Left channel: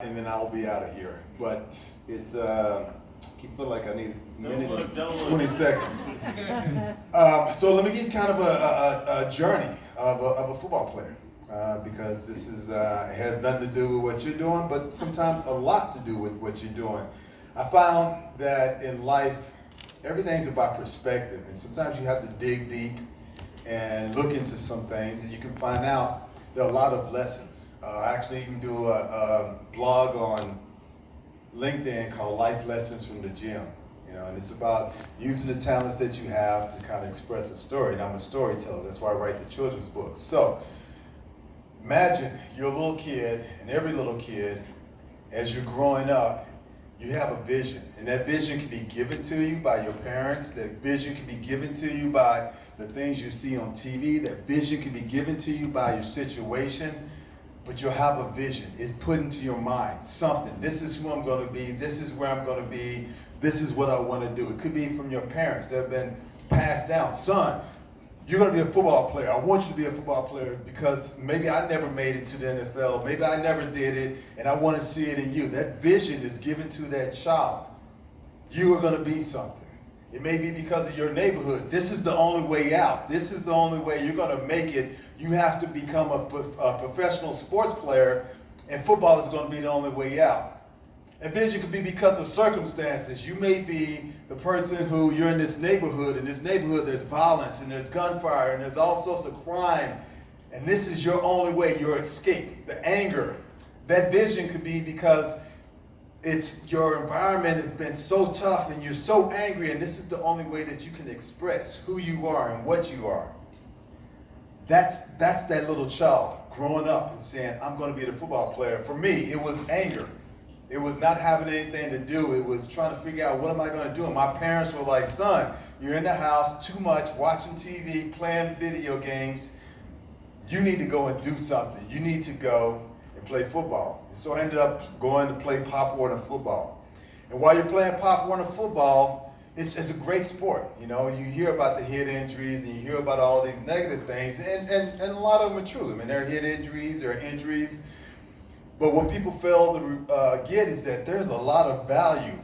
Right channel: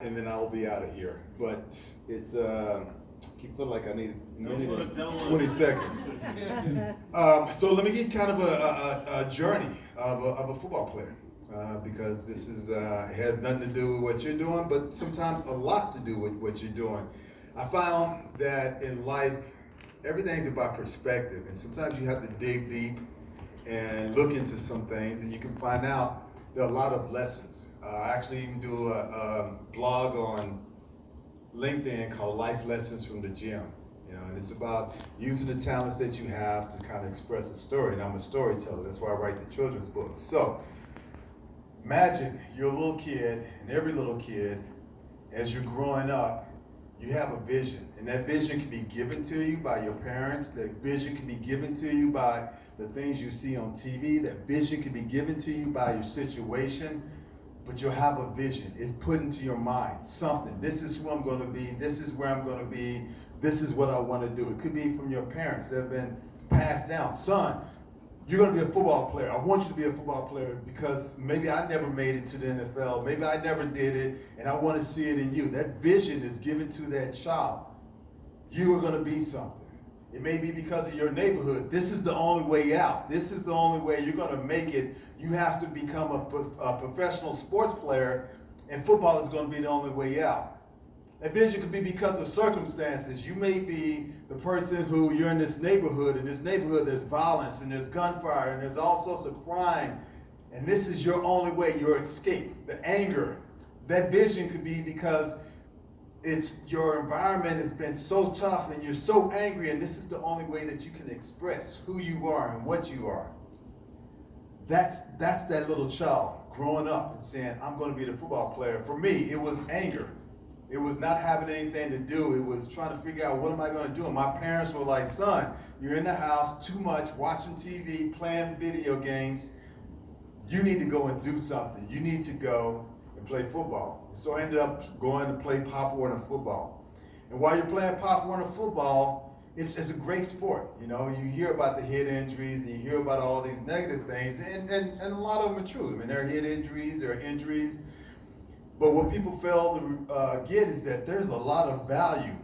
And then I'll be out of here. But it's keep feeling like I need a minute and 20 seconds. So let me get kind of a journey of a football player because this is it has nothing to do with what you're doing, but sometimes a lot to do with what you're doing. I found that in life, everything's about perspective, and sometimes you have to dig deep and look into some things, and you can find out there are a lot of lessons. I actually even do a blog on LinkedIn called Life Lessons from the Gym. And it's about using the talents that you have to kind of express a story. And I'm a storyteller. That's why I write the children's books. So imagine you're a little kid, and every little kid, as you're growing up, you have a vision. And that vision can be given to you by your parents. That vision can be given to you by the things you see on TV. That vision can be given to you by your situation. But you'll have a vision. It's put into your mind something. This is who I'm going to be. This is where I'm going to be. This is what I want to do. It could be from your parents that have been passed down. Son, you're going to be a football player. I want you to be a football player because maybe I never made it to the NFL. Maybe I never did it, and I want to see it in you. That vision is given to that child. You are going to be something. It may be because of your neighborhood. This is the only way out. This is the only way you're going to make it. You have to become a professional sports player, and football is going to be the only way out. And vision could be because of circumstances. You may be the person who you're in this neighborhood. In this neighborhood, there's violence, and there's gunfire, and there's all sorts of crime. And this is your only way, your escape, the anger. That vision could be because it's your environment has been so tough and you're so angry, and this is the only way that you can express who you are and what you are. That's that little child growing up and saying, I'm going to be the football player. For me, it was anger. It was not having anything to do. It was trying to figure out, what am I going to do? And my parents were like, son, you're in the house too much, watching TV, playing video games. You need to go and do something. You need to go and play football. And so I ended up going to play Pop Warner football. And while you're playing Pop Warner football, it's a great sport. You hear about the head injuries and you hear about all these negative things, and a lot of them are true. I mean, there are head injuries, there are injuries. But what people fail to get is that there's a lot of value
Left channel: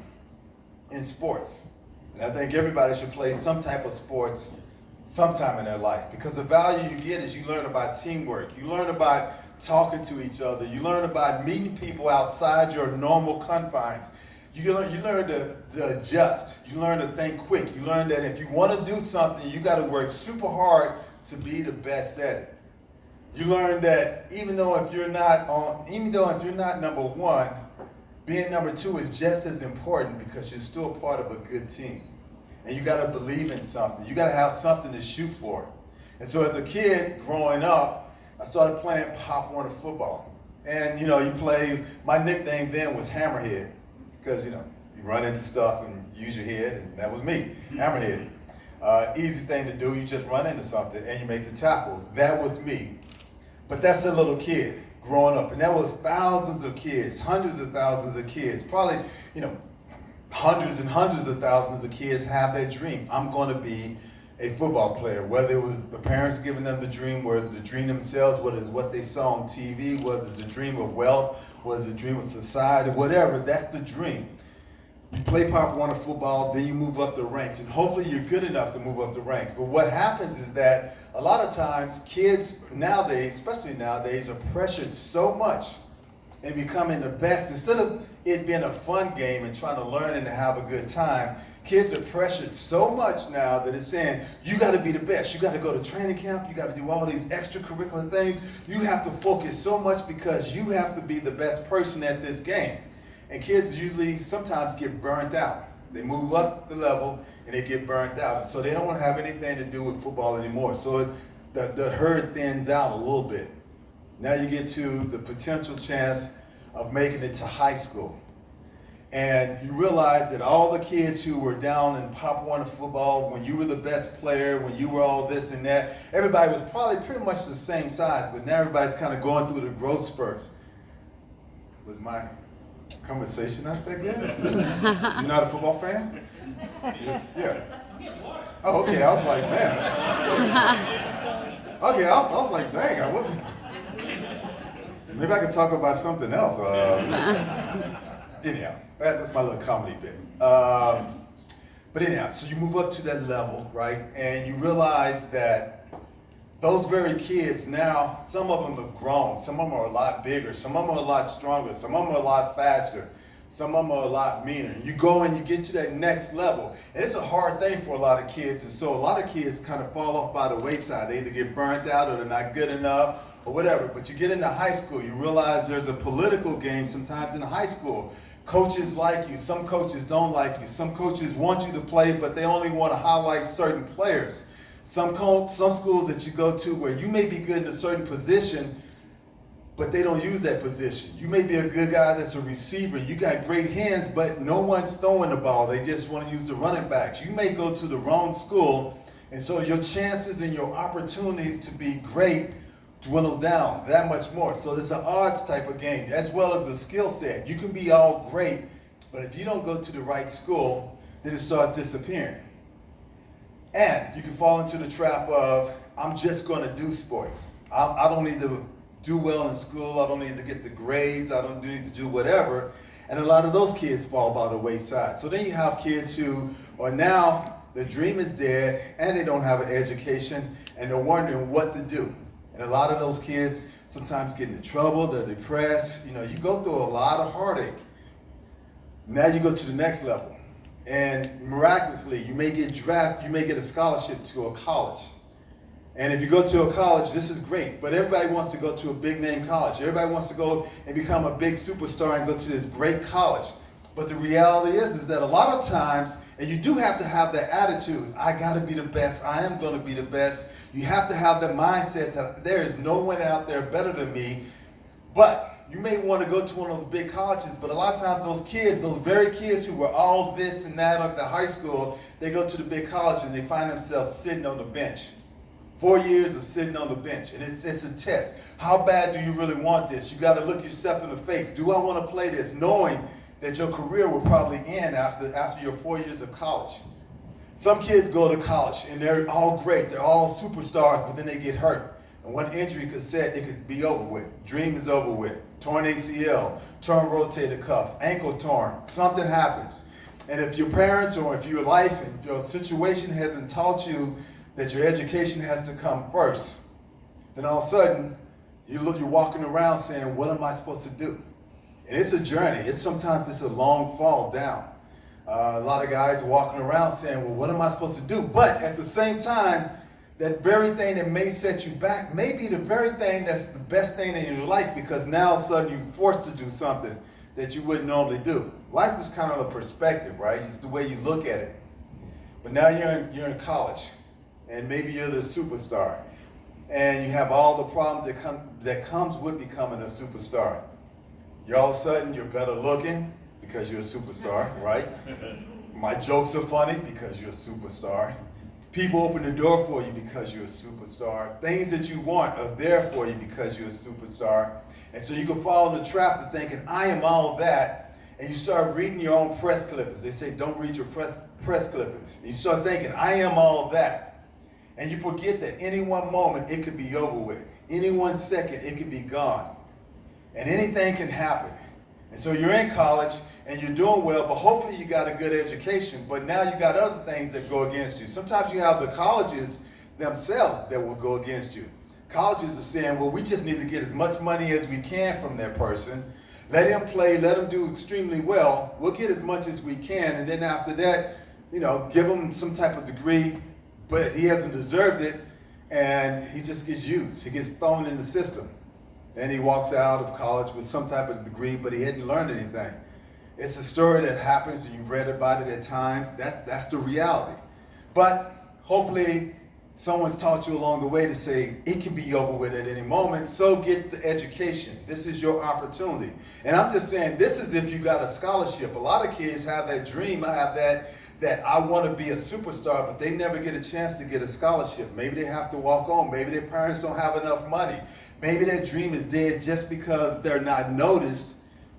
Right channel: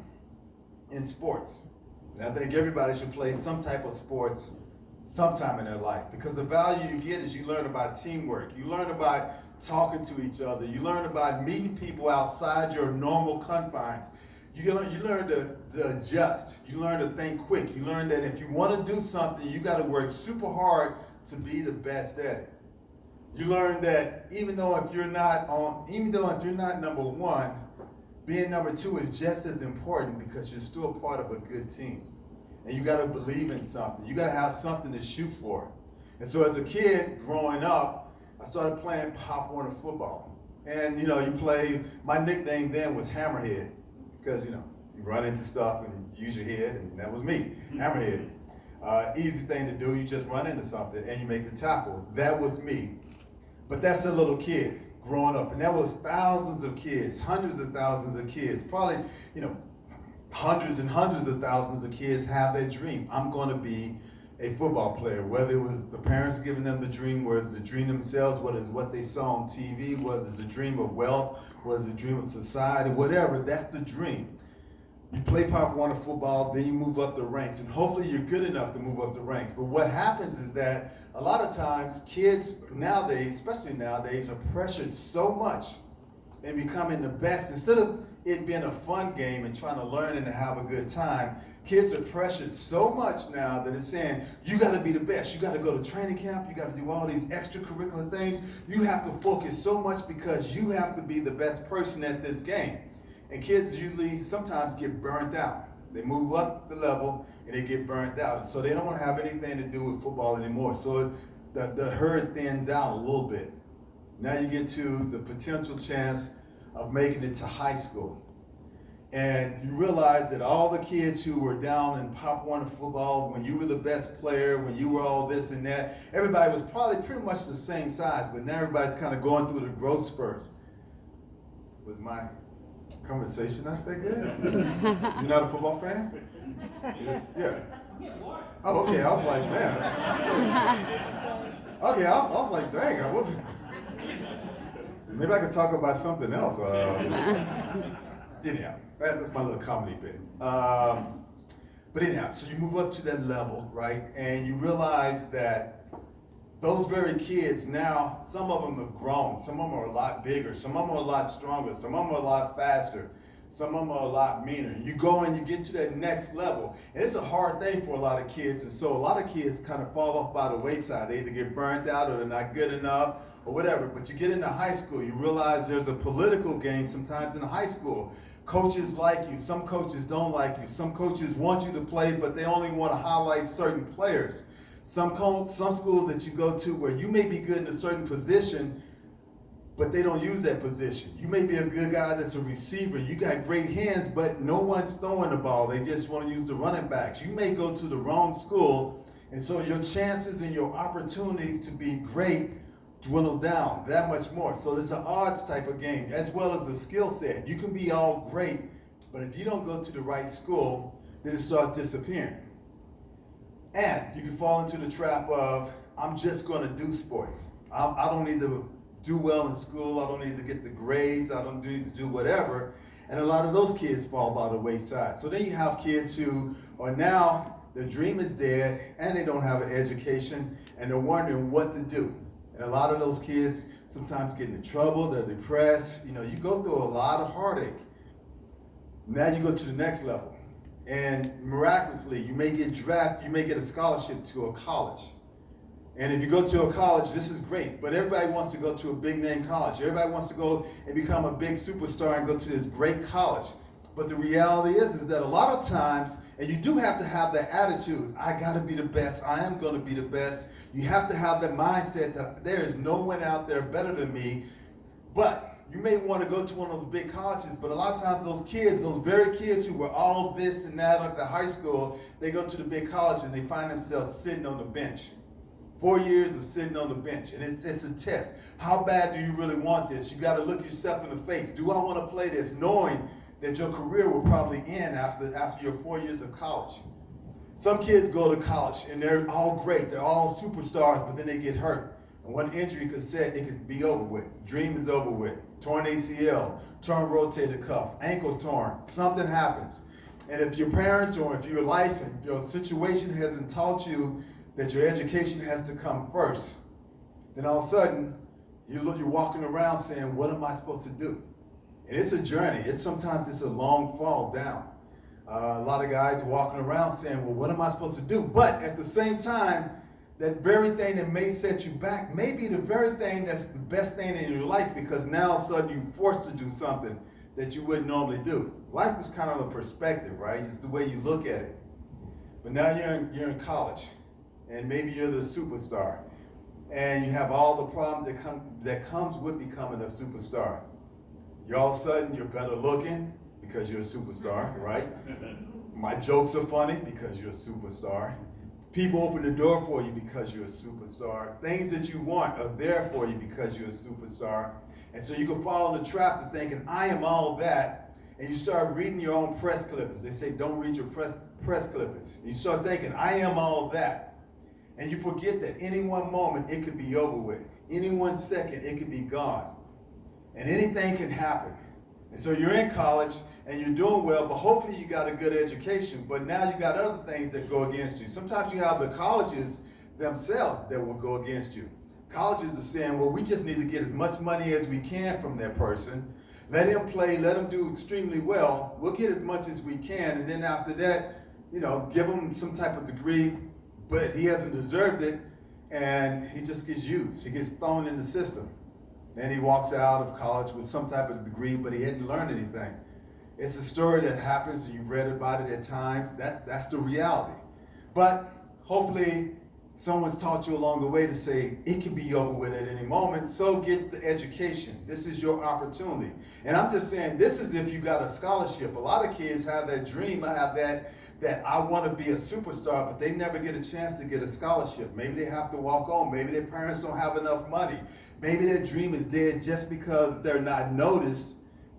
in sports. And I think everybody should play some type of sports sometime in their life, because the value you get is you learn about teamwork. You learn about talking to each other. You learn about meeting people outside your normal confines. You learn to adjust. You learn to think quick. You learn that if you want to do something, you got to work super hard to be the best at it. You learn that even though if you're not number one, being number two is just as important, because you're still part of a good team. And you got to believe in something. You got to have something to shoot for. And so as a kid growing up, I started playing Pop Warner football. And you play, my nickname then was Hammerhead, because you run into stuff and use your head, and that was me, Hammerhead. Easy thing to do, you just run into something and you make the tackles. That was me. But that's a little kid growing up, and that was thousands of kids, hundreds of thousands of kids, probably, hundreds and hundreds of thousands of kids have that dream. I'm going to be a football player, whether it was the parents giving them the dream, whether it's the dream themselves, whether it's what they saw on TV, whether it's a dream of wealth, whether it's a dream of society, whatever, that's the dream. You play Pop Warner football, then you move up the ranks, and hopefully you're good enough to move up the ranks. But what happens is that a lot of times kids nowadays, especially nowadays, are pressured so much in becoming the best. Instead of it being a fun game and trying to learn and to have a good time, kids are pressured so much now that it's saying, you got to be the best. You got to go to training camp. You got to do all these extracurricular things. You have to focus so much because you have to be the best person at this game. And kids usually sometimes get burnt out. They move up the level and they get burnt out. So they don't have anything to do with football anymore. So the herd thins out a little bit. Now you get to the potential chance of making it to high school. And you realize that all the kids who were down in Pop Warner football, when you were the best player, when you were all this and that, everybody was probably pretty much the same size, but now everybody's kind of going through the growth spurts. Was my conversation, I think, yeah? You're not a football fan? Yeah. Oh, okay, I was like, man. Okay, I was like, dang, I wasn't. Maybe I could talk about something else. Anyhow, that's my little comedy bit. But anyhow, so you move up to that level, right? And you realize that those very kids now, some of them have grown. Some of them are a lot bigger. Some of them are a lot stronger. Some of them are a lot faster. Some of them are a lot meaner. You go and you get to that next level. And it's a hard thing for a lot of kids. And so a lot of kids kind of fall off by the wayside. They either get burnt out or they're not good enough or whatever. But you get into high school, you realize there's a political game sometimes in high school. Coaches like you, some coaches don't like you. Some coaches want you to play, but they only want to highlight certain players. Some schools that you go to where you may be good in a certain position, but they don't use that position. You may be a good guy that's a receiver. You got great hands, but no one's throwing the ball. They just want to use the running backs. You may go to the wrong school, and so your chances and your opportunities to be great dwindle down that much more. So it's an odds type of game, as well as a skill set. You can be all great, but if you don't go to the right school, then it starts disappearing. And you can fall into the trap of, I'm just going to do sports. I don't need to do well in school. I don't need to get the grades. I don't need to do whatever. And a lot of those kids fall by the wayside. So then you have kids who are now, their dream is dead, and they don't have an education, and they're wondering what to do. And a lot of those kids sometimes get into trouble, they're depressed. You go through a lot of heartache. Now you go to the next level. And miraculously, you may get drafted, you may get a scholarship to a college. And if you go to a college, this is great. But everybody wants to go to a big name college. Everybody wants to go and become a big superstar and go to this great college. But the reality is that a lot of times, and you do have to have that attitude, I gotta be the best, I am gonna be the best. You have to have the mindset that there is no one out there better than me. But you may want to go to one of those big colleges, but a lot of times those kids, those very kids who were all this and that at the high school, they go to the big college and they find themselves sitting on the bench. 4 years of sitting on the bench, and it's a test. How bad do you really want this? You gotta look yourself in the face. Do I want to play this, knowing that your career will probably end after your 4 years of college? Some kids go to college and they're all great, they're all superstars, but then they get hurt. And one injury could set, it could be over with. Dream is over with. Torn ACL, torn rotator cuff, ankle torn, something happens. And if your parents or if your life and your situation hasn't taught you that your education has to come first, then all of a sudden you're walking around saying, what am I supposed to do? And it's a journey. Sometimes it's a long fall down. A lot of guys walking around saying, well, what am I supposed to do? But at the same time, that very thing that may set you back may be the very thing that's the best thing in your life, because now all of a sudden you're forced to do something that you wouldn't normally do. Life is kind of a perspective, right? It's the way you look at it. But now you're in college, and maybe you're the superstar, and you have all the problems that comes with becoming a superstar. All of a sudden you're better looking because you're a superstar, right? My jokes are funny because you're a superstar. People open the door for you because you're a superstar. Things that you want are there for you because you're a superstar. And so you can fall in the trap of thinking, I am all that, and you start reading your own press clippings. They say, don't read your press clippings. And you start thinking, I am all that. And you forget that any one moment it could be over with. Any 1 second it could be gone. And anything can happen. And so you're in college and you're doing well, but hopefully you got a good education. But now you got other things that go against you. Sometimes you have the colleges themselves that will go against you. Colleges are saying, well, we just need to get as much money as we can from that person. Let him play, let him do extremely well. We'll get as much as we can. And then after that, give him some type of degree, but he hasn't deserved it. And he just gets used. He gets thrown in the system. And he walks out of college with some type of degree, but he hadn't learned anything. It's a story that happens, and you've read about it at times. That's the reality. But hopefully someone's taught you along the way to say, it can be over with at any moment, so get the education. This is your opportunity. And I'm just saying, this is if you got a scholarship. A lot of kids have that dream, have that I want to be a superstar, but they never get a chance to get a scholarship. Maybe they have to walk on. Maybe their parents don't have enough money. Maybe their dream is dead just because they're not noticed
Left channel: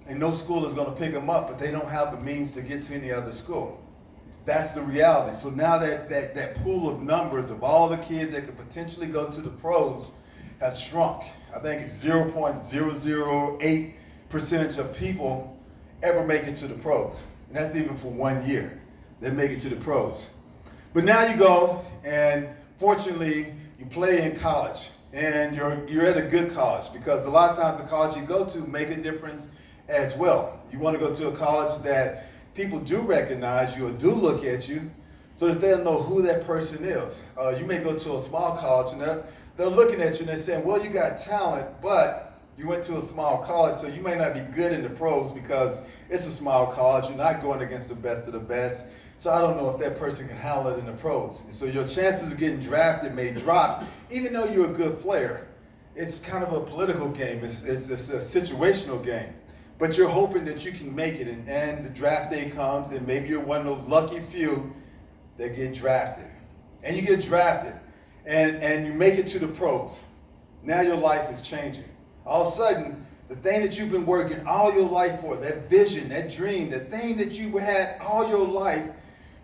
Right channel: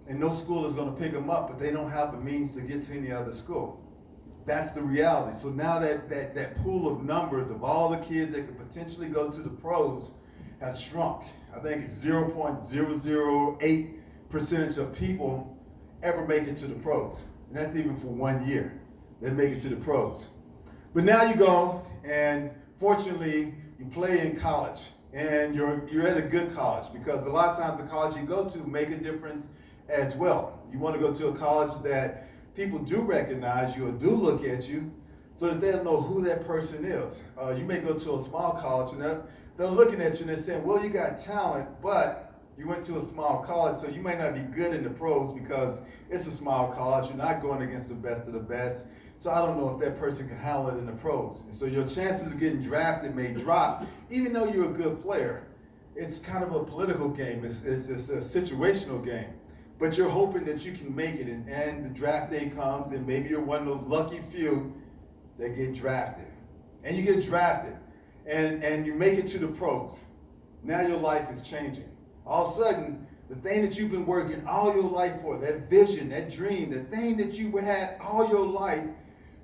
and no school is going to pick them up, but they don't have the means to get to any other school. That's the reality. So now that pool of numbers of all the kids that could potentially go to the pros has shrunk. I think it's 0.008% of people ever make it to the pros. And that's even for 1 year. They make it to the pros. But now you go, and fortunately, you play in college. And you're at a good college, because a lot of times the college you go to make a difference as well. You want to go to a college that people do recognize you or do look at you, so that they'll know who that person is. You may go to a small college and they're looking at you and they're saying, well, you got talent, but you went to a small college, so you may not be good in the pros because it's a small college. You're not going against the best of the best. So I don't know if that person can handle it in the pros. And so your chances of getting drafted may drop, even though you're a good player. It's kind of a political game. It's a situational game. But you're hoping that you can make it, and the draft day comes, and maybe you're one of those lucky few that get drafted. And you get drafted, and you make it to the pros. Now your life is changing. All of a sudden, the thing that you've been working all your life for, that vision, that dream, that thing that you had all your life,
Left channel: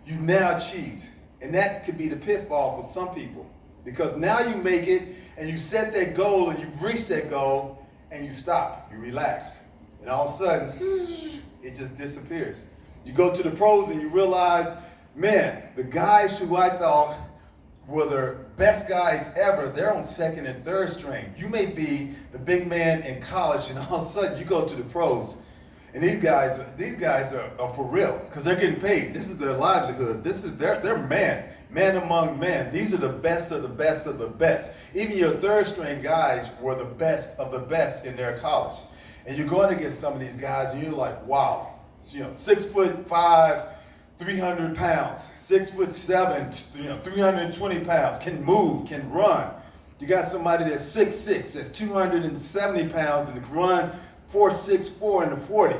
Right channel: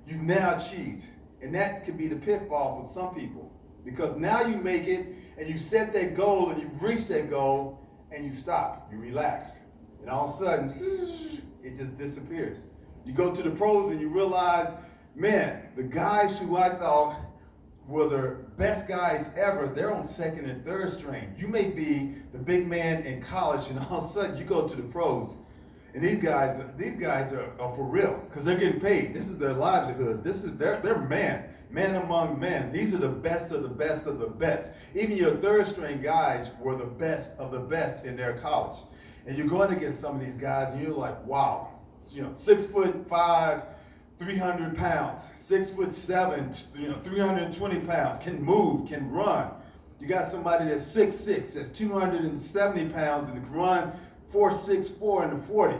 you've now achieved. And that could be the pitfall for some people. Because now you make it, and you set that goal, and you've reached that goal, and you stop, you relax. And all of a sudden, it just disappears. You go to the pros and you realize, man, the guys who I thought were the best guys ever, they're on second and third string. You may be the big man in college, and all of a sudden you go to the pros, and these guys are for real, because they're getting paid. This is their livelihood. This is their man among men. These are the best of the best of the best. Even your third string guys were the best of the best in their college. And you're going to get some of these guys, and you're like, wow, 6'5", 300 pounds, 6'7", 320 pounds, can move, can run. You got somebody that's 6'6", that's 270 pounds, and can run 4.64 in the 40.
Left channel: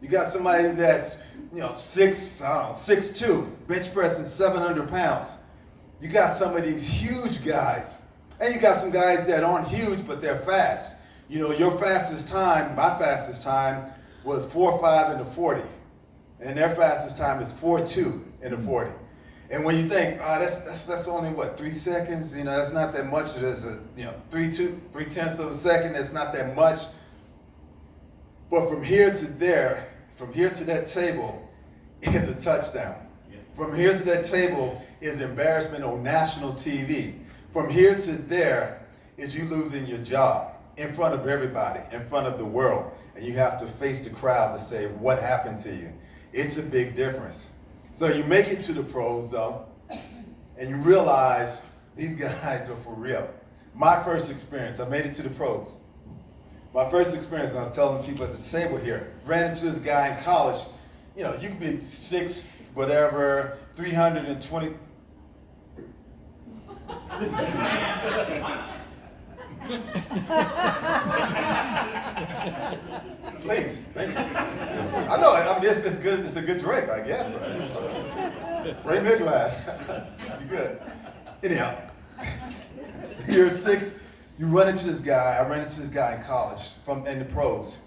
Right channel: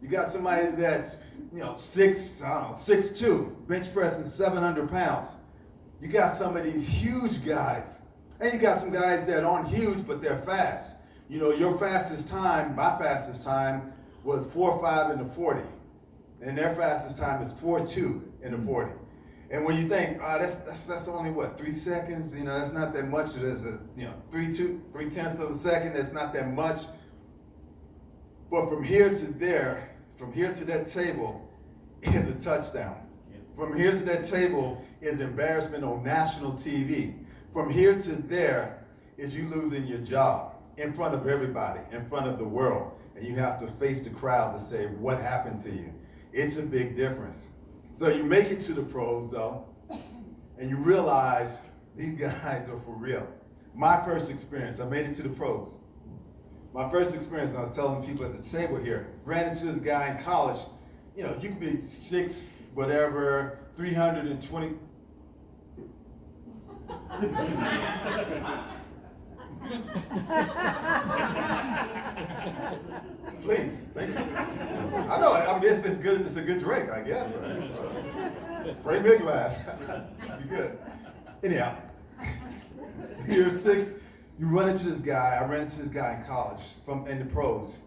You got somebody that's 6'2", bench pressing 700 pounds. You got some of these huge guys, and you got some guys that aren't huge, but they're fast. Your fastest time, my fastest time, was 4.5 in the 40. And their fastest time is 4.2 in the 40. And when you think, that's only 3 seconds, that's not that much. There's a 3/10 of a second, that's not that much. But from here to there, from here to that table is a touchdown. Yeah. From here to that table is embarrassment on national TV. From here to there is you losing your job in front of everybody, in front of the world. And you have to face the crowd to say, what happened to you? It's a big difference. So you make it to the pros, though, and you realize these guys are for real. My first experience, I made it to the pros. My first experience, and I was telling people at the table here, ran into this guy in college. You could be 6, whatever, 320. Please, thank you. I know. It's good. It's a good drink, I guess. Bring me a glass. It's be good. Anyhow, you're 6. You run into this guy. I ran into this guy in college in the pros.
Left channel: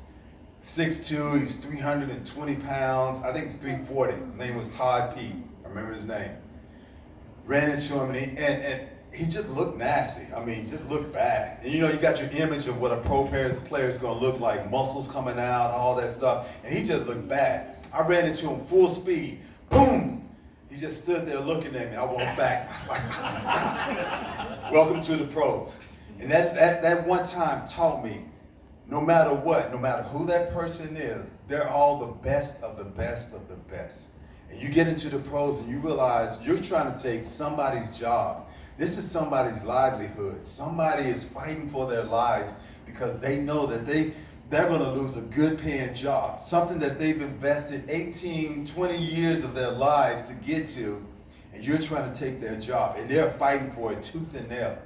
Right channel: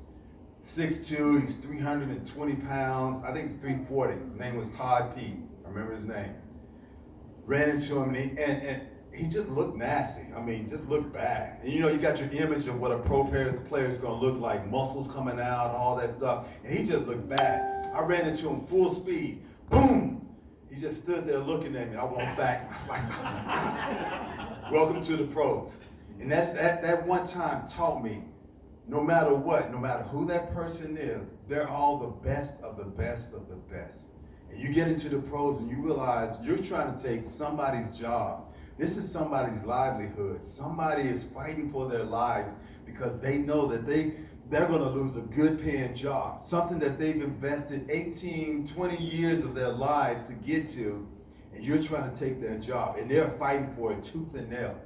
6'2". He's 320 pounds. I think he's 340. His name was Todd P. I remember his name. Ran into him, and he just looked nasty. Just looked bad. And you got your image of what a pro player is going to look like, muscles coming out, all that stuff. And he just looked bad. I ran into him full speed. Boom! He just stood there looking at me. I walked back. I was like, welcome to the pros. And that one time taught me, no matter what, no matter who that person is, they're all the best of the best of the best. And you get into the pros and you realize you're trying to take somebody's job. This is somebody's livelihood. Somebody is fighting for their lives because they know that they're going to lose a good paying job, something that they've invested 18, 20 years of their lives to get to, and you're trying to take their job, and they're fighting for it tooth and nail.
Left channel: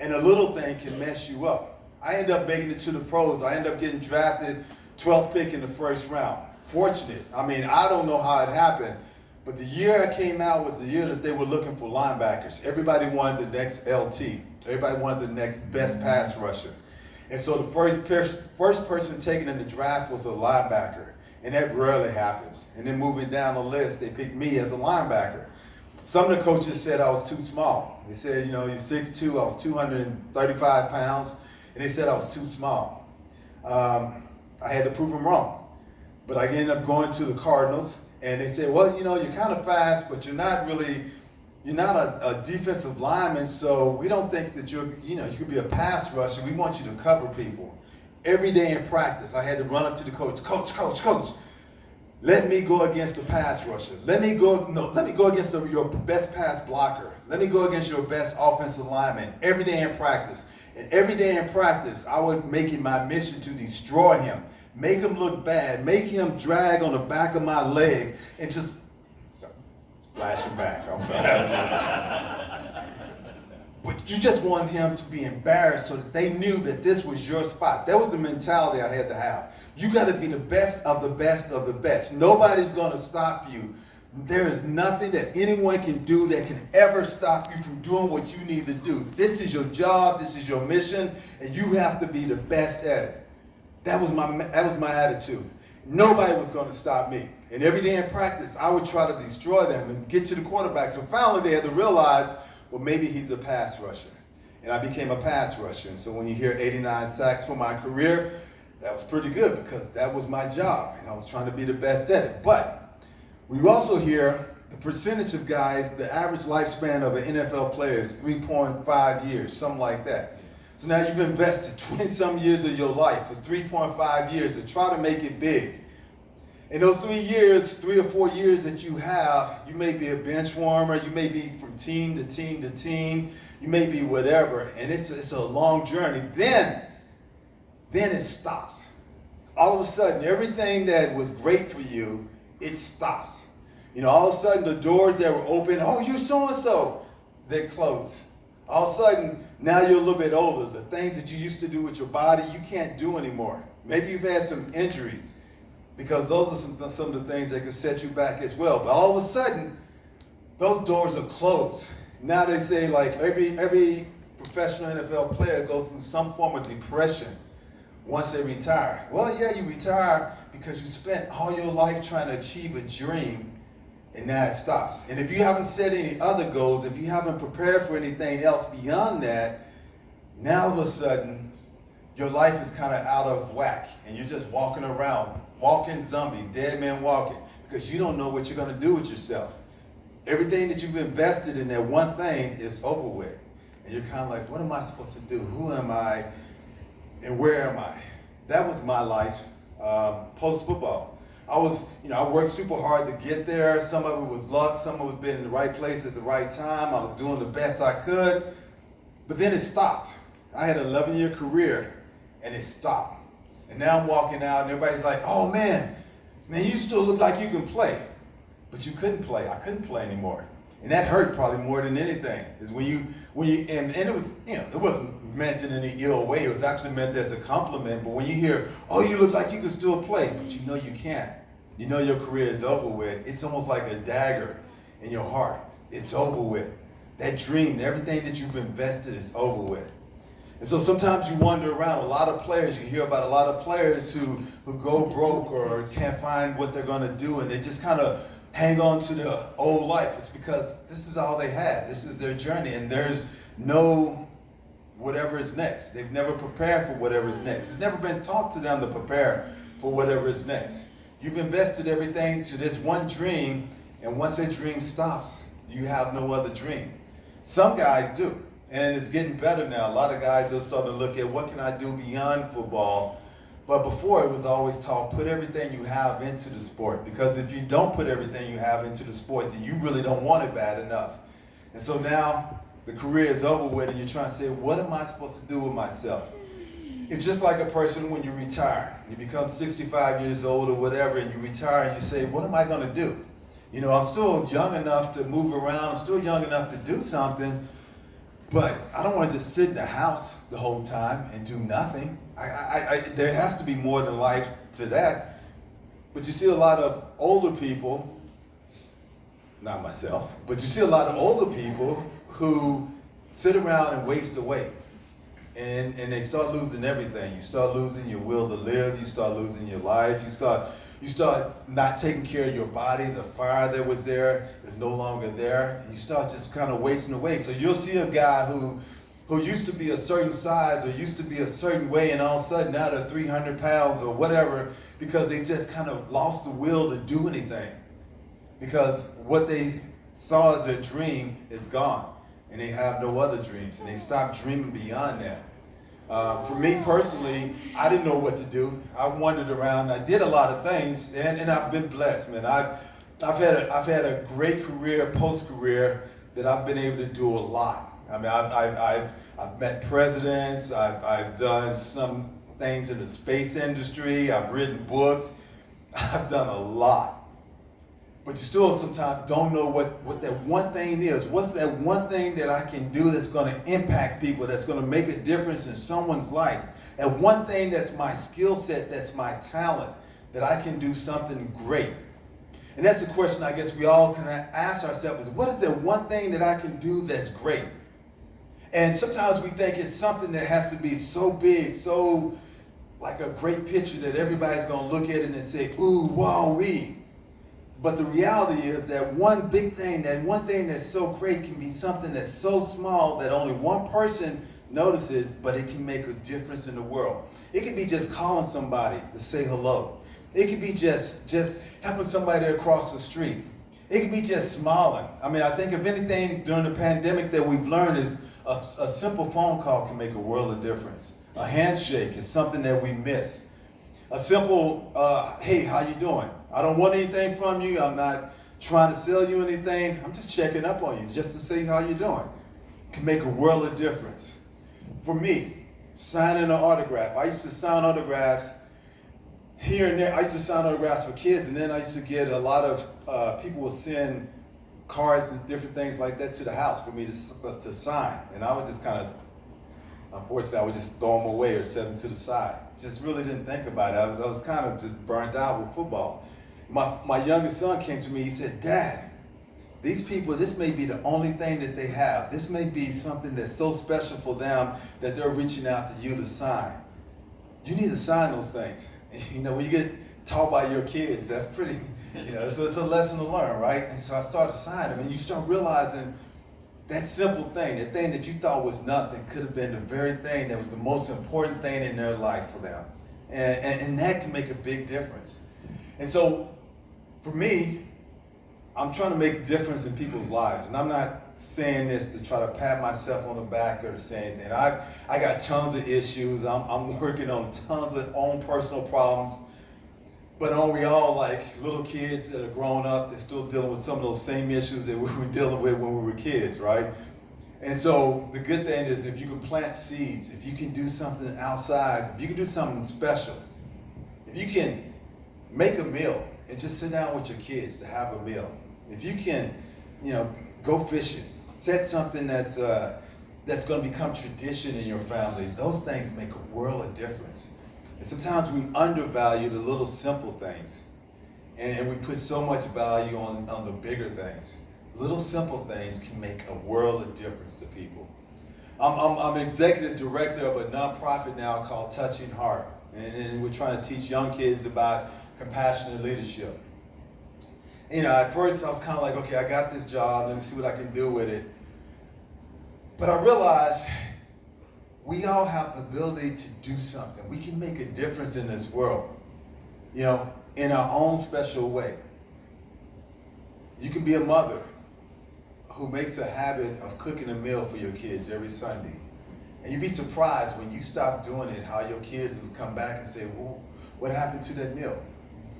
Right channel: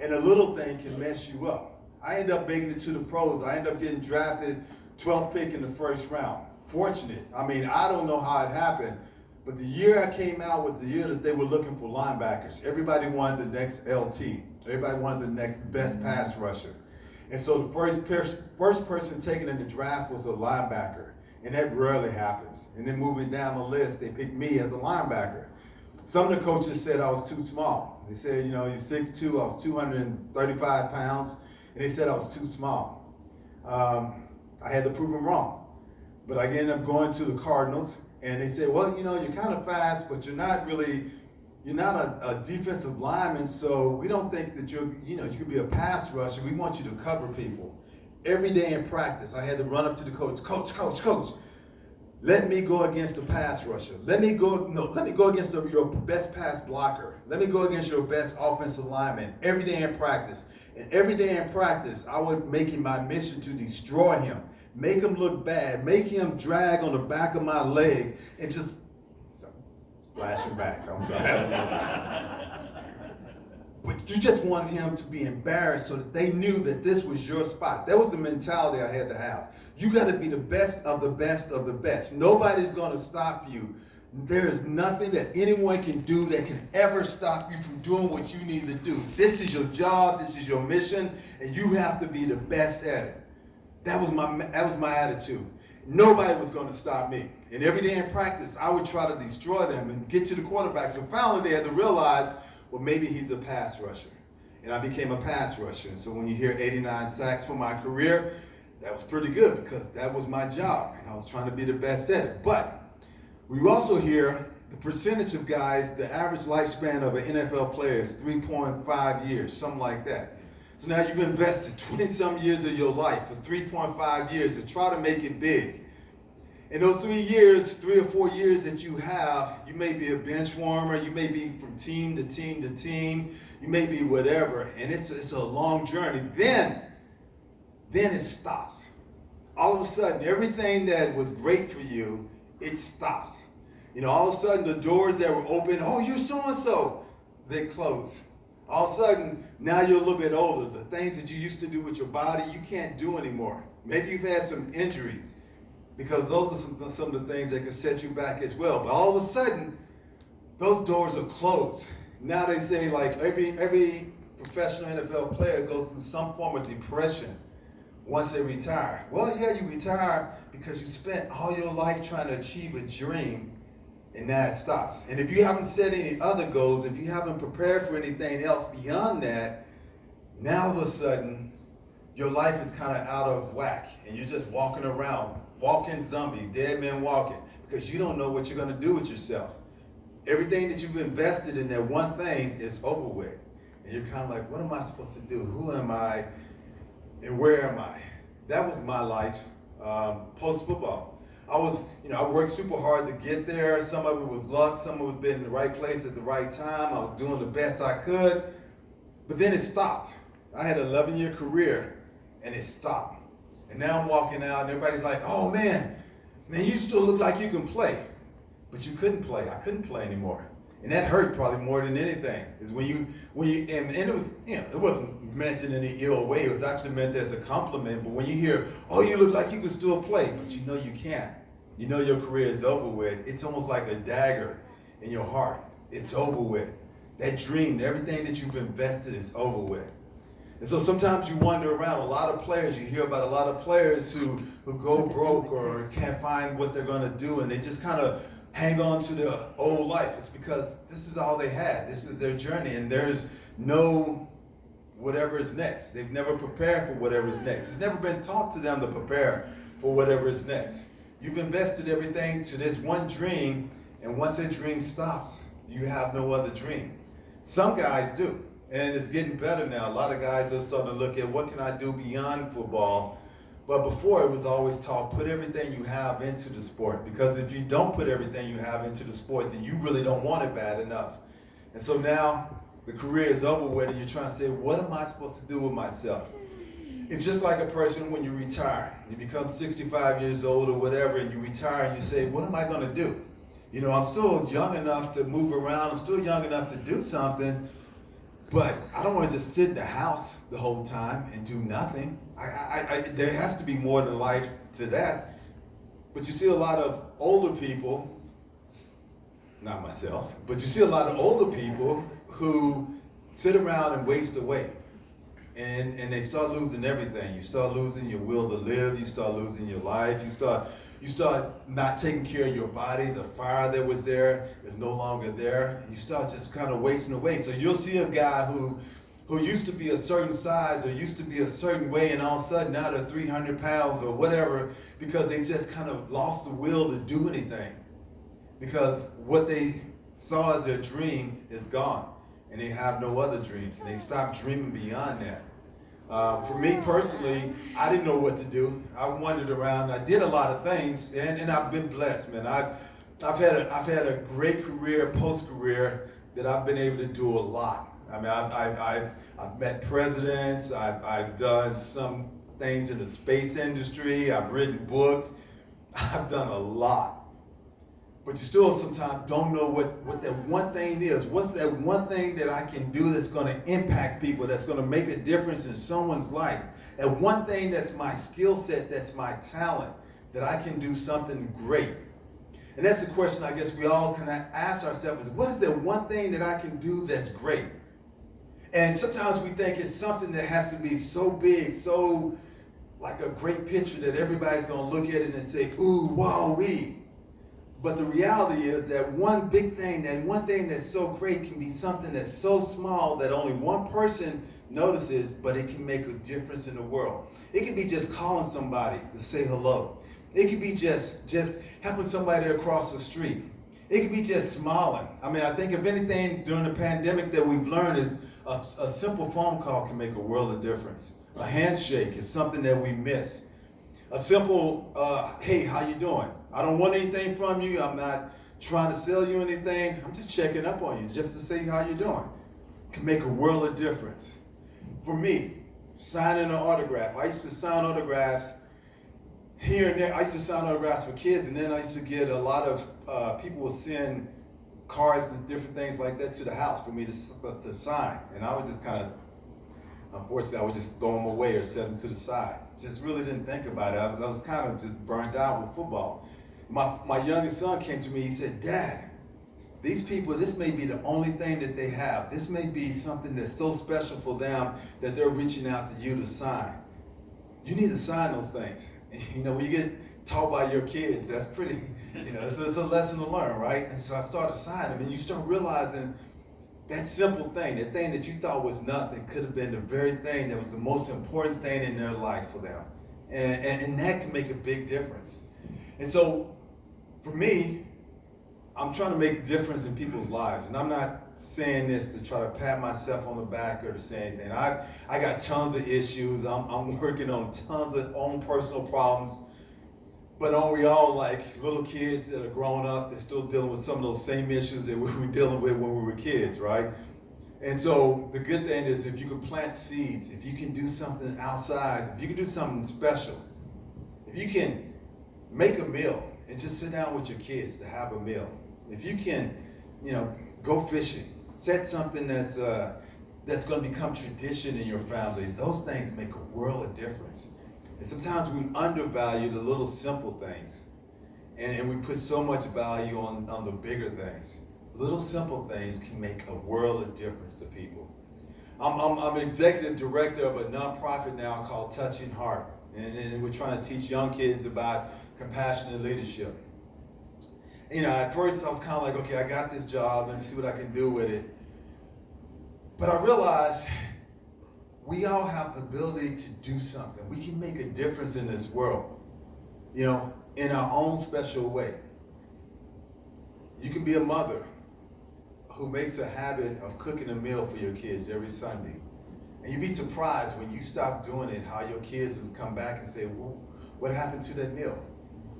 And a little thing can mess you up. I end up making it to the pros. I end up getting drafted 12th pick in the first round. Fortunate. I don't know how it happened. But the year I came out was the year that they were looking for linebackers. Everybody wanted the next LT. Everybody wanted the next best pass rusher. And so the first person taken in the draft was a linebacker. And that rarely happens. And then moving down the list, they picked me as a linebacker. Some of the coaches said I was too small. They said, you're 6'2", I was 235 pounds. and they said I was too small. I had to prove them wrong. But I ended up going to the Cardinals, and they said, well, you know, you're kind of fast, but you're not a defensive lineman, so we don't think that you could be a pass rusher. We want you to cover people. Every day in practice, I had to run up to the coach, coach, let me go against a pass rusher. Let me go against your best pass blocker. Let me go against your best offensive lineman every day in practice. And every day in practice, I would make it my mission to destroy him, make him look bad, make him drag on the back of my leg, and just splash him back. I'm sorry. But you just want him to be embarrassed so that they knew that this was your spot. That was the mentality I had to have. You got to be the best of the best of the best. Nobody's going to stop you. There is nothing that anyone can do that can ever stop you from doing what you need to do. This is your job. This is your mission, and you have to be the best at it. That was my attitude. Nobody was going to stop me. And every day in practice, I would try to destroy them and get to the quarterback. So finally, they had to realize, well, maybe he's a pass rusher. And I became a pass rusher. And so when you hear 89 sacks for my career, that was pretty good because that was my job. And I was trying to be the best at it. But we also hear the percentage of guys, the average lifespan of an NFL player is 3.5 years, something like that. So now you've invested 20-some years of your life for 3.5 years to try to make it big. In those 3 or 4 years that you have, you may be a bench warmer, you may be from team to team to team, you may be whatever, and it's a long journey. Then it stops. All of a sudden, everything that was great for you, it stops. You know, all of a sudden, the doors that were open, oh, you're so-and-so, they close. All of a sudden, now you're a little bit older. The things that you used to do with your body, you can't do anymore. Maybe you've had some injuries, because those are some of the things that can set you back as well. But all of a sudden, those doors are closed. Now they say like every professional NFL player goes through some form of depression once they retire. Well, yeah, you retire because you spent all your life trying to achieve a dream, and now it stops. And if you haven't set any other goals, if you haven't prepared for anything else beyond that, now all of a sudden, your life is kind of out of whack, and you're just walking around, walking zombie, dead man walking, because you don't know what you're going to do with yourself. Everything that you've invested in that one thing is over with. And you're kind of like, what am I supposed to do? Who am I? And where am I? That was my life post-football. I worked super hard to get there. Some of it was luck. Some of it was being in the right place at the right time. I was doing the best I could. But then it stopped. I had an 11-year career, and it stopped. And now I'm walking out, and everybody's like, oh, man, you still look like you can play. But you couldn't play. I couldn't play anymore. And that hurt probably more than anything. Is when you and it was, it wasn't meant in any ill way. It was actually meant as a compliment. But when you hear, oh, you look like you can still play, but you know you can't. You know your career is over with. It's almost like a dagger in your heart. It's over with. That dream, everything that you've invested is over with. And so sometimes you wander around. A lot of players, you hear about a lot of players who go broke or can't find what they're going to do, and they just kind of hang on to their old life. It's because this is all they had. This is their journey, and there's no whatever is next. They've never prepared for whatever is next. It's never been taught to them to prepare for whatever is next. You've invested everything to this one dream, and once that dream stops, you have no other dream. Some guys do, and it's getting better now. A lot of guys are starting to look at what can I do beyond football. But before, it was always taught, put everything you have into the sport. Because if you don't put everything you have into the sport, then you really don't want it bad enough. And so now the career is over with, and you're trying to say, what am I supposed to do with myself? It's just like a person when you retire. You become 65 years old or whatever, and you retire, and you say, what am I going to do? I'm still young enough to move around. I'm still young enough to do something. But I don't want to just sit in the house the whole time and do nothing. There has to be more than life to that. But you see a lot of older people, not myself, but you see a lot of older people who sit around and waste away. And they start losing everything. You start losing your will to live. You start losing your life. You start not taking care of your body. The fire that was there is no longer there. You start just kind of wasting away. So you'll see a guy who who used to be a certain size or used to be a certain way, and all of a sudden now they're 300 pounds or whatever, because they just kind of lost the will to do anything. Because what they saw as their dream is gone, and they have no other dreams, and they stopped dreaming beyond that. For me personally, I didn't know what to do. I wandered around. I did a lot of things, and I've been blessed, man. I've had a great career, post-career, that I've been able to do a lot. I mean, I've met presidents. I've done some things in the space industry. I've written books. I've done a lot. But you still sometimes don't know what that one thing is. What's that one thing that I can do that's going to impact people, that's going to make a difference in someone's life? And one thing that's my skill set, that's my talent, that I can do something great. And that's the question I guess we all can ask ourselves is, what is that one thing that I can do that's great? And sometimes we think it's something that has to be so big, so like a great picture that everybody's going to look at it and say, ooh, wow, wee. But the reality is that one big thing, that one thing that's so great can be something that's so small that only one person notices, but it can make a difference in the world. It can be just calling somebody to say hello. It could be just helping somebody across the street. It could be just smiling. I mean, I think if anything during the pandemic that we've learned is a simple phone call can make a world of difference. A handshake is something that we miss. A simple, hey, how you doing? I don't want anything from you. I'm not trying to sell you anything. I'm just checking up on you just to see how you're doing. It can make a world of difference. For me, signing an autograph. I used to sign autographs here and there. I used to sign autographs for kids, and then I used to get a lot of people would send cards and different things like that to the house for me to sign. And I would just kind of, unfortunately, I would just throw them away or set them to the side. Just really didn't think about it. I was kind of just burnt out with football. My youngest son came to me, he said, Dad, these people, this may be the only thing that they have. This may be something that's so special for them that they're reaching out to you to sign. You need to sign those things. And, you know, when you get taught by your kids, that's pretty, you know, it's a lesson to learn, right? And so I started signing, and you start realizing that simple thing, that thing that you thought was nothing, could have been the very thing that was the most important thing in their life for them. And that can make a big difference. And so, for me, I'm trying to make a difference in people's lives. And I'm not saying this to try to pat myself on the back or to say anything. I got tons of issues. I'm working on tons of own personal problems. But aren't we all like little kids that are grown up, they're still dealing with some of those same issues that we were dealing with when we were kids, right? And so the good thing is if you can plant seeds, if you can do something outside, if you can do something special, if you can make a meal and just sit down with your kids to have a meal, if you can, you know, go fishing, set something that's going to become tradition in your family, those things make a world of difference. And sometimes we undervalue the little simple things, and we put so much value on the bigger things. Little simple things can make a world of difference to people. I'm executive director of a nonprofit now called Touching Heart, and we're trying to teach young kids about compassionate leadership. You know, at first I was kind of like, okay, I got this job, let me see what I can do with it. But I realized we all have the ability to do something. We can make a difference in this world, you know, in our own special way. You can be a mother who makes a habit of cooking a meal for your kids every Sunday. And you'd be surprised when you stop doing it, how your kids will come back and say, well, what happened to that meal?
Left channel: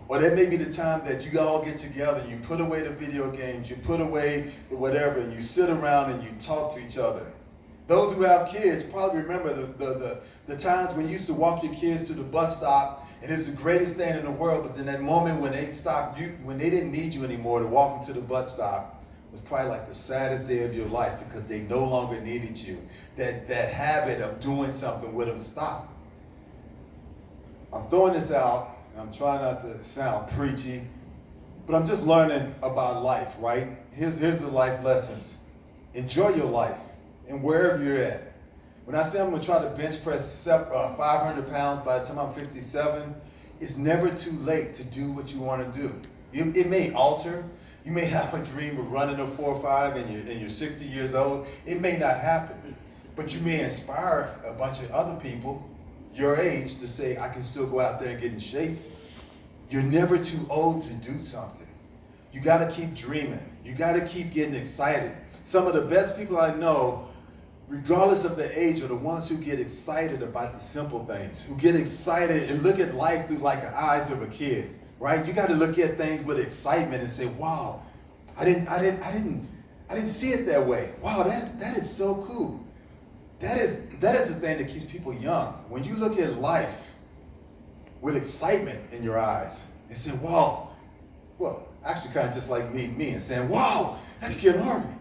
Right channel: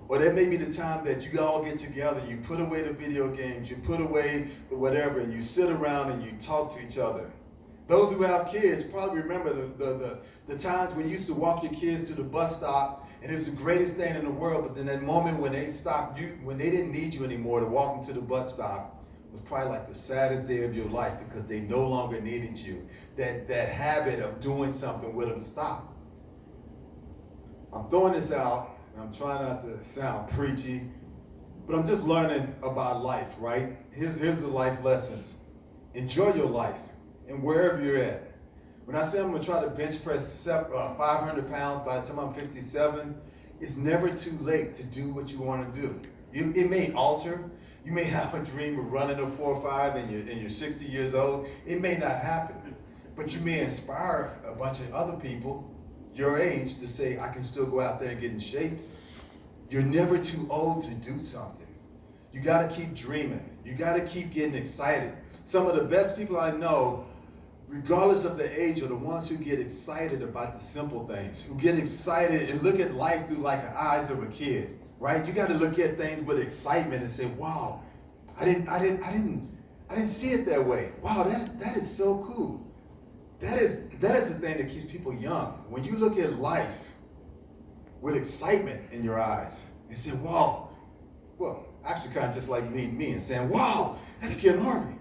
Or that may be the time that you all get together, you put away the video games, you put away the whatever, and you sit around and you talk to each other. Those who have kids probably remember the times when you used to walk your kids to the bus stop, and it's the greatest thing in the world, but then that moment when they stopped you, when they didn't need you anymore to walk them to the bus stop, was probably like the saddest day of your life because they no longer needed you. That habit of doing something with them stopped. I'm throwing this out, and I'm trying not to sound preachy, but I'm just learning about life, right? Here's the life lessons. Enjoy your life, and wherever you're at. When I say I'm going to try to bench press 500 pounds by the time I'm 57, it's never too late to do what you want to do. It may alter. You may have a dream of running a 4.5 and you're 60 years old. It may not happen. But you may inspire a bunch of other people your age to say, I can still go out there and get in shape. You're never too old to do something. You got to keep dreaming. You got to keep getting excited. Some of the best people I know, regardless of the age, are the ones who get excited about the simple things, who get excited and look at life through like the eyes of a kid, right? You got to look at things with excitement and say, wow, I didn't see it that way. Wow, that is so cool. That is the thing that keeps people young. When you look at life with excitement in your eyes and say, wow, well, actually kind of just like me and saying, wow, that's Ken Harvey.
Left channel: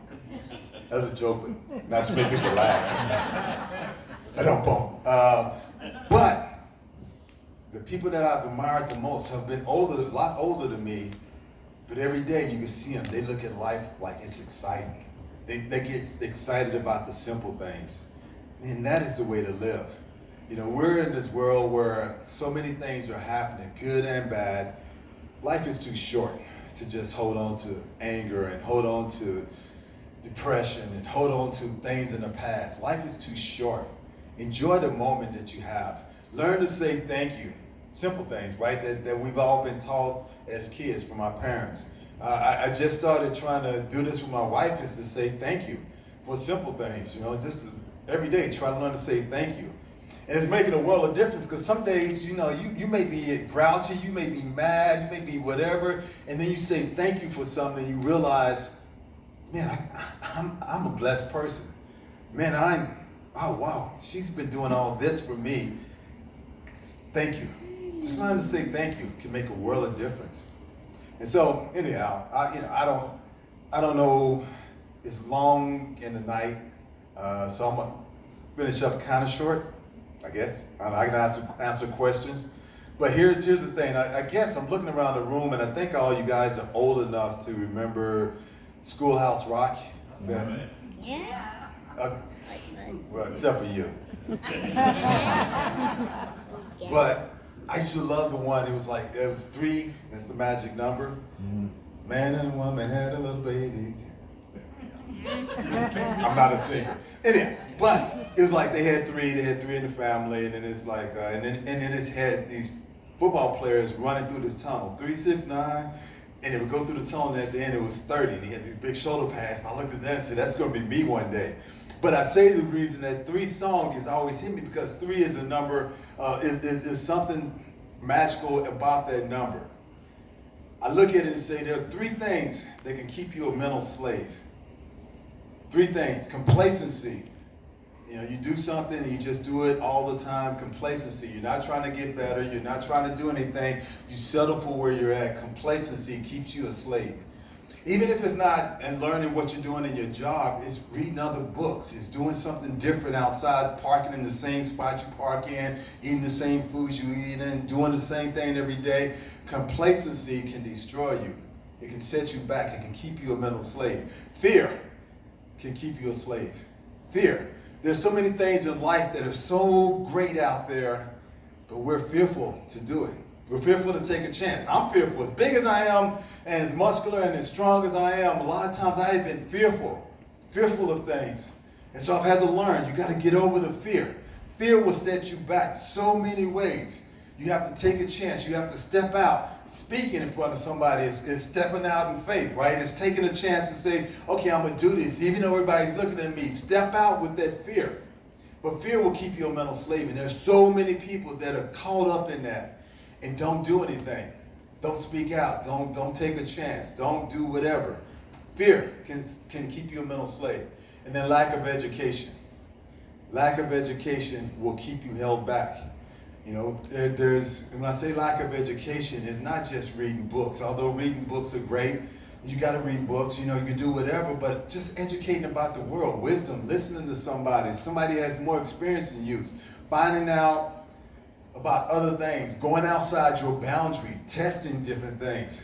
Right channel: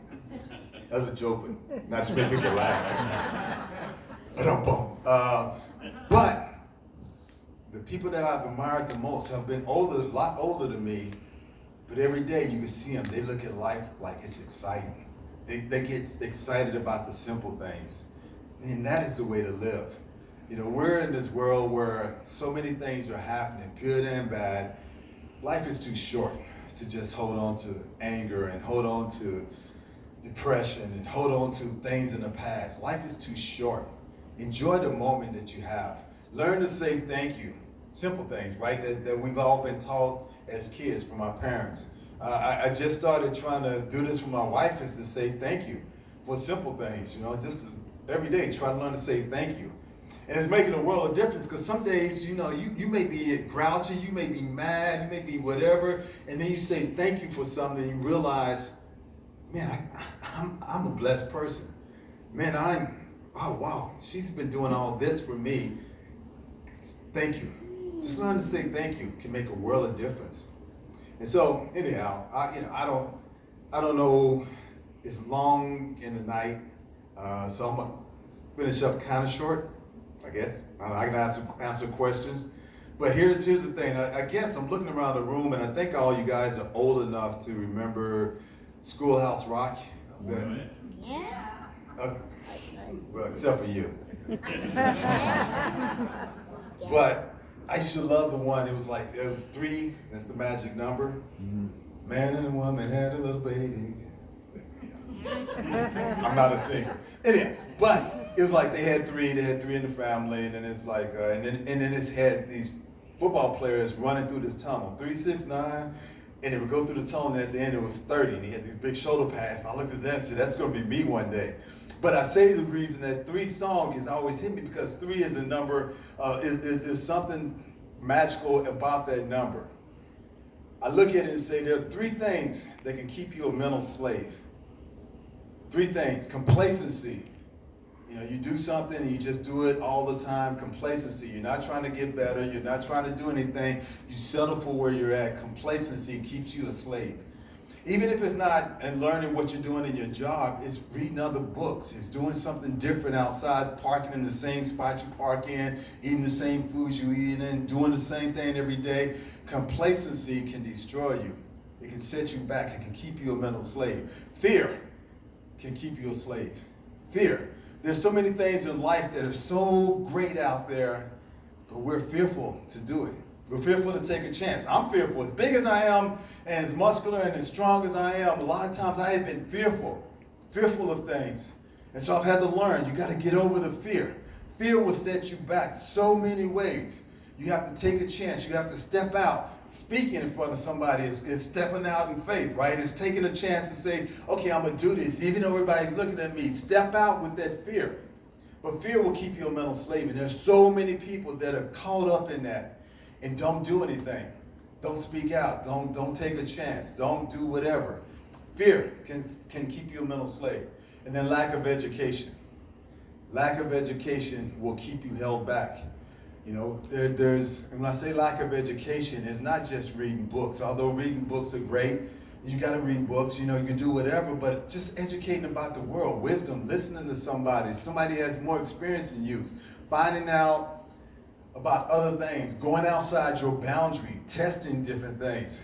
That's a joke, but not to make people laugh. I don't bump. But the people that I've admired the most have been a lot older than me, but every day you can see them, they look at life like it's exciting. They get excited about the simple things. And that is the way to live. You know, we're in this world where so many things are happening, good and bad. Life is too short to just hold on to anger and hold on to depression and hold on to things in the past. Life is too short. Enjoy the moment that you have. Learn to say thank you. Simple things, right? That we've all been taught as kids from our parents. I just started trying to do this with my wife, is to say thank you for simple things. You know, just every day try to learn to say thank you. And it's making a world of difference, because some days, you know, you may be grouchy, you may be mad, you may be whatever, and then you say thank you for something and you realize, man, I'm a blessed person. Man, oh wow, she's been doing all this for me. Thank you. Just learn to say thank you can make a world of difference. And so anyhow, I don't know, it's long in the night, so I'm gonna finish up kind of short, I guess. I can answer questions. But here's the thing. I guess I'm looking around the room, and I think all you guys are old enough to remember Schoolhouse Rock. Yeah. Well, except for you. But I used to love the one. It was like, it was 3. That's the magic number. Man and a woman had a little baby. I'm not a singer. Anyway, but it was like they had 3 in the family, and then it's like, and then it's had these football players running through this tunnel, 3, 6, 9, and they would go through the tunnel, and at the end it was 30, and he had these big shoulder pads. And I looked at that and said, that's going to be me one day. But I say the reason that 3 song has always hit me, because 3 is a number, is something magical about that number. I look at it and say there are 3 things that can keep you a mental slave. 3 things. Complacency. You know, you do something and you just do it all the time. Complacency. You're not trying to get better. You're not trying to do anything. You settle for where you're at. Complacency keeps you a slave. Even if it's not and learning what you're doing in your job, it's reading other books. It's doing something different outside, parking in the same spot you park in, eating the same foods you eat in, doing the same thing every day. Complacency can destroy you. It can set you back. It can keep you a mental slave. Fear can keep you a slave. Fear. There's so many things in life that are so great out there, but we're fearful to do it. We're fearful to take a chance. I'm fearful. As big as I am, and as muscular and as strong as I am, a lot of times I have been fearful of things. And so I've had to learn, you got to get over the fear. Fear will set you back so many ways. You have to take a chance. You have to step out. Speaking in front of somebody is stepping out in faith, right? It's taking a chance to say, okay, I'm going to do this, even though everybody's looking at me. Step out with that fear. But fear will keep you a mental slave. And there's so many people that are caught up in that and don't do anything. Don't speak out. Don't take a chance. Don't do whatever. Fear can keep you a mental slave. And then lack of education. Lack of education will keep you held back. You know, when I say lack of education, it's not just reading books. Although reading books are great, you got to read books, you know, you can do whatever, but just educating about the world, wisdom, listening to somebody has more experience than you, finding out about other things, going outside your boundary, testing different things.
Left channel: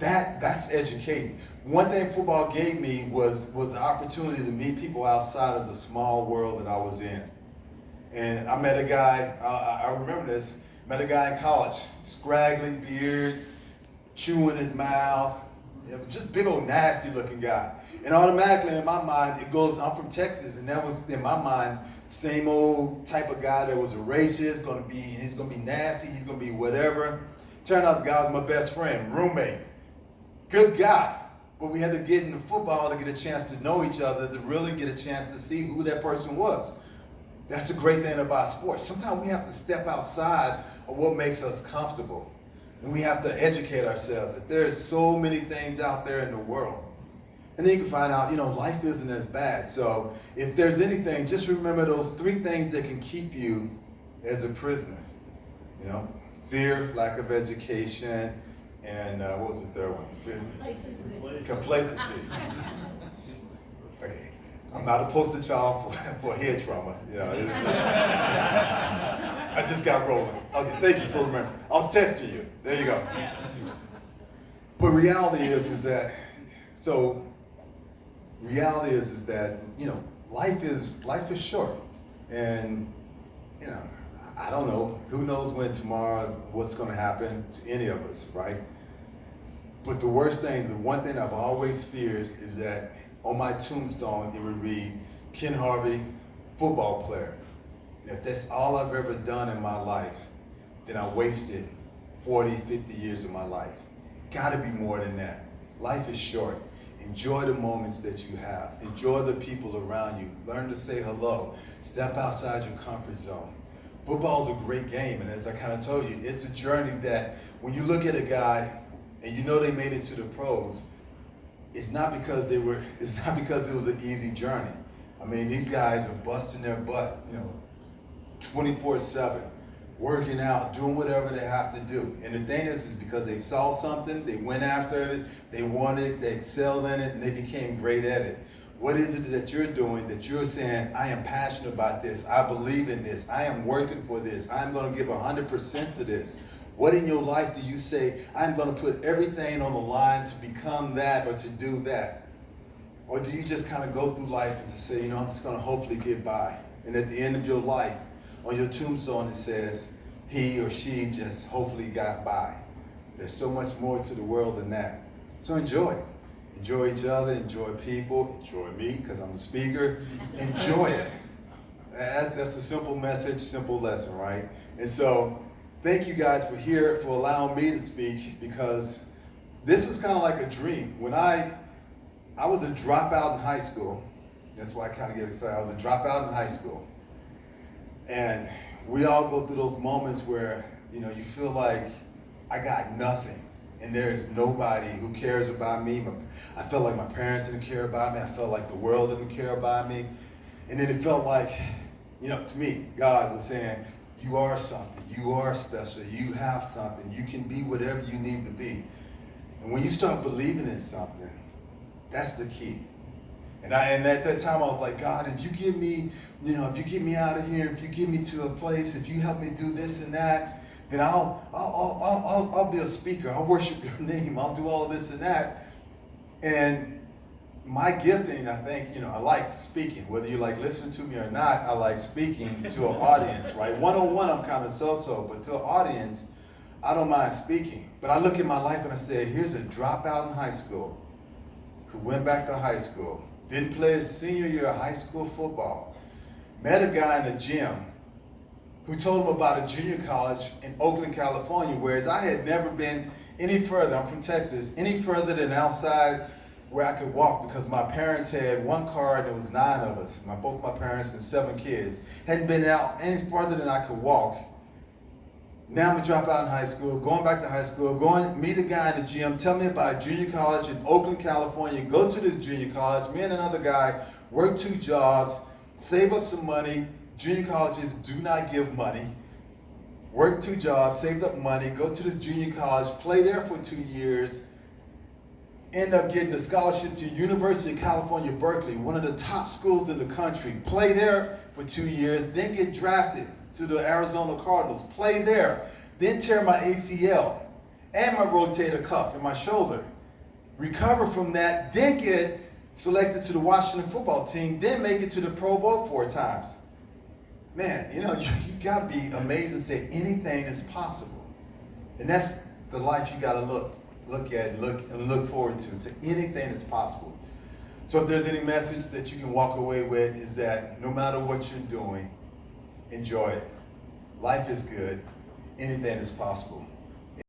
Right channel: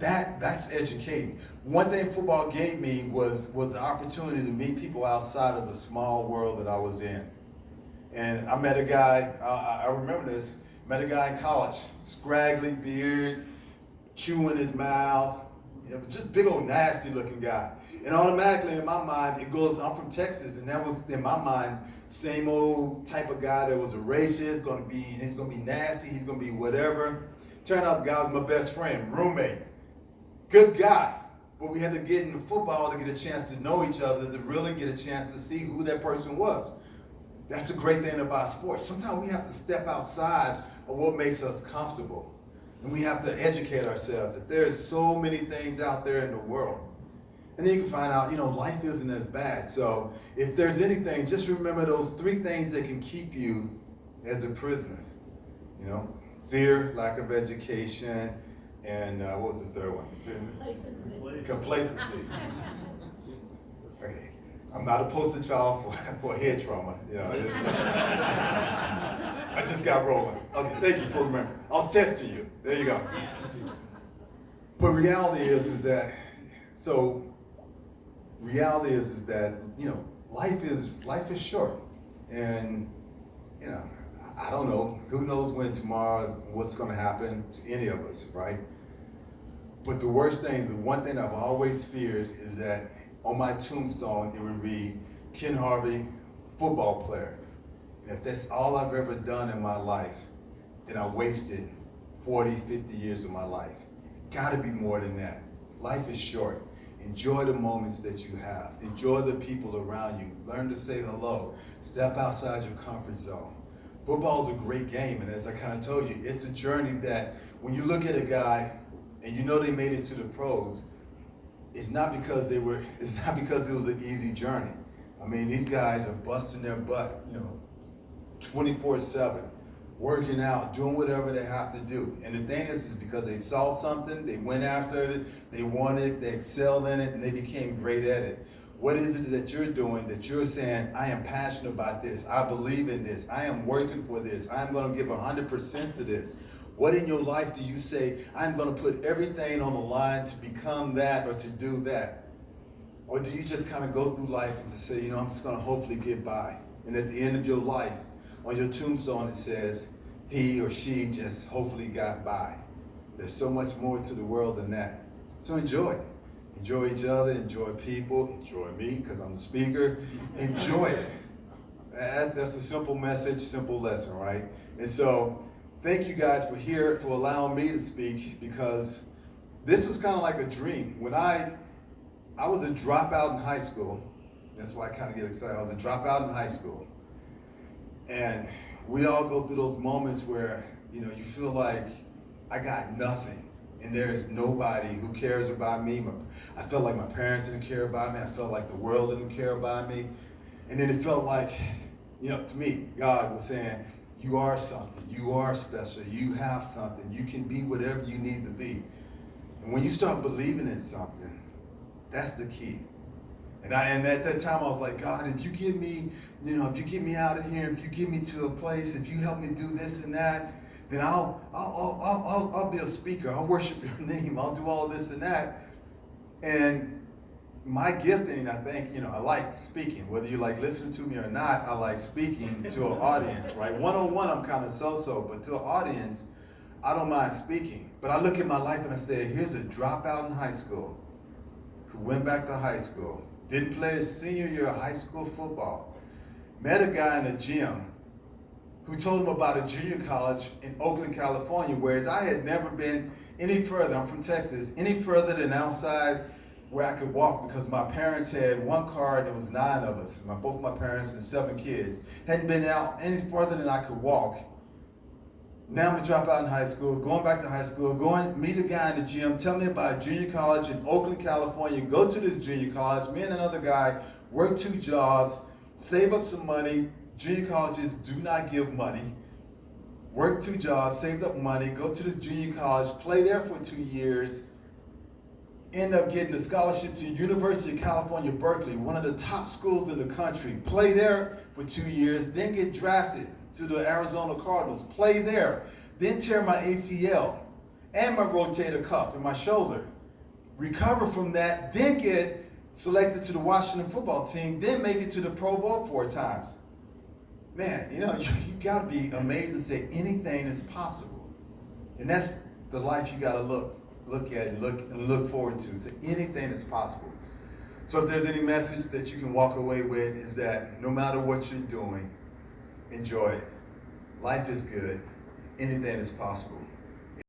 That's educating. One thing football gave me was the opportunity to meet people outside of the small world that I was in. And I met a guy, I remember this, met a guy in college, scraggly beard, chewing his mouth, You know, just big old nasty looking guy. And automatically in my mind, it goes, I'm from Texas, and that was in my mind, same old type of guy that was a racist, he's gonna be nasty, he's gonna be whatever. Turned out the guy was my best friend, roommate, good guy. But we had to get into football to get a chance to know each other, to really get a chance to see who that person was. That's the great thing about sports. Sometimes we have to step outside of what makes us comfortable. And we have to educate ourselves that there's so many things out there in the world. And then you can find out, life isn't as bad. So if there's anything, just remember those 3 things that can keep you as a prisoner. Fear, lack of education, and what was the third one? Complacency. Okay. I'm not a poster child for head trauma. I just got rolling. Okay, thank you for remembering. I was testing you. There you go. But reality is that life is short, and I don't know. Who knows what's going to happen to any of us, right? But the one thing I've always feared is that on my tombstone it would read Ken Harvey, football player. And if that's all I've ever done in my life, then I wasted 40, 50 years of my life. It gotta be more than that. Life is short. Enjoy the moments that you have. Enjoy the people around you. Learn to say hello. Step outside your comfort zone. Football is a great game, and as I kind of told you, it's a journey that when you look at a guy and they made it to the pros, it's not because it was an easy journey. I mean, these guys are busting their butt, 24/7, working out, doing whatever they have to do. And the thing is because they saw something, they went after it, they wanted it, they excelled in it, and they became great at it. What is it that you're doing that you're saying, I am passionate about this, I believe in this, I am working for this, I'm going to give 100% to this? What in your life do you say, I'm going to put everything on the line to become that or to do that? Or do you just kind of go through life and just say, I'm just going to hopefully get by? And at the end of your life, on your tombstone, it says, he or she just hopefully got by. There's so much more to the world than that. So enjoy it. Enjoy each other, enjoy people, enjoy me, because I'm the speaker. Enjoy it. That's a simple message, simple lesson, right? And so, thank you guys for allowing me to speak, because this was kind of like a dream. When I was a dropout in high school. That's why I kind of get excited. I was a dropout in high school. And we all go through those moments where, you feel like I got nothing. And there is nobody who cares about me. I felt like my parents didn't care about me. I felt like the world didn't care about me. And then it felt like, to me, God was saying, you are something. You are special. You have something. You can be whatever you need to be. And when you start believing in something, that's the key. And at that time I was like, God, if you get me, if you get me out of here, if you get me to a place, if you help me do this and that, then I'll be a speaker. I'll worship your name. I'll do all this and that. And my gifting, I think, I like speaking. Whether you like listening to me or not, I like speaking to an audience, right? One-on-one, I'm kind of so-so, but to an audience, I don't mind speaking. But I look at my life and I say, here's a dropout in high school who went back to high school, didn't play his senior year of high school football, met a guy in a gym who told him about a junior college in Oakland, California, whereas I had never been any further, I'm from Texas, any further than outside where I could walk, because my parents had one car and there was 9 of us, both my parents and 7 kids. Hadn't been out any further than I could walk. Now I'm a dropout in high school, going back to high school, going meet a guy in the gym, tell me about junior college in Oakland, California, go to this junior college, me and another guy work 2 jobs, save up some money. Junior colleges do not give money. Work 2 jobs, saved up money, go to this junior college, play there for 2 years, end up getting a scholarship to University of California, Berkeley, one of the top schools in the country, play there for 2 years, then get drafted to the Arizona Cardinals, play there, then tear my ACL and my rotator cuff in my shoulder, recover from that, then get selected to the Washington football team, then make it to the Pro Bowl 4 times. Man, you gotta be amazed and say anything is possible. And that's the life you gotta look at and look forward to. So anything is possible. So if there's any message that you can walk away with, is that no matter what you're doing, enjoy it. Life is good. Anything is possible.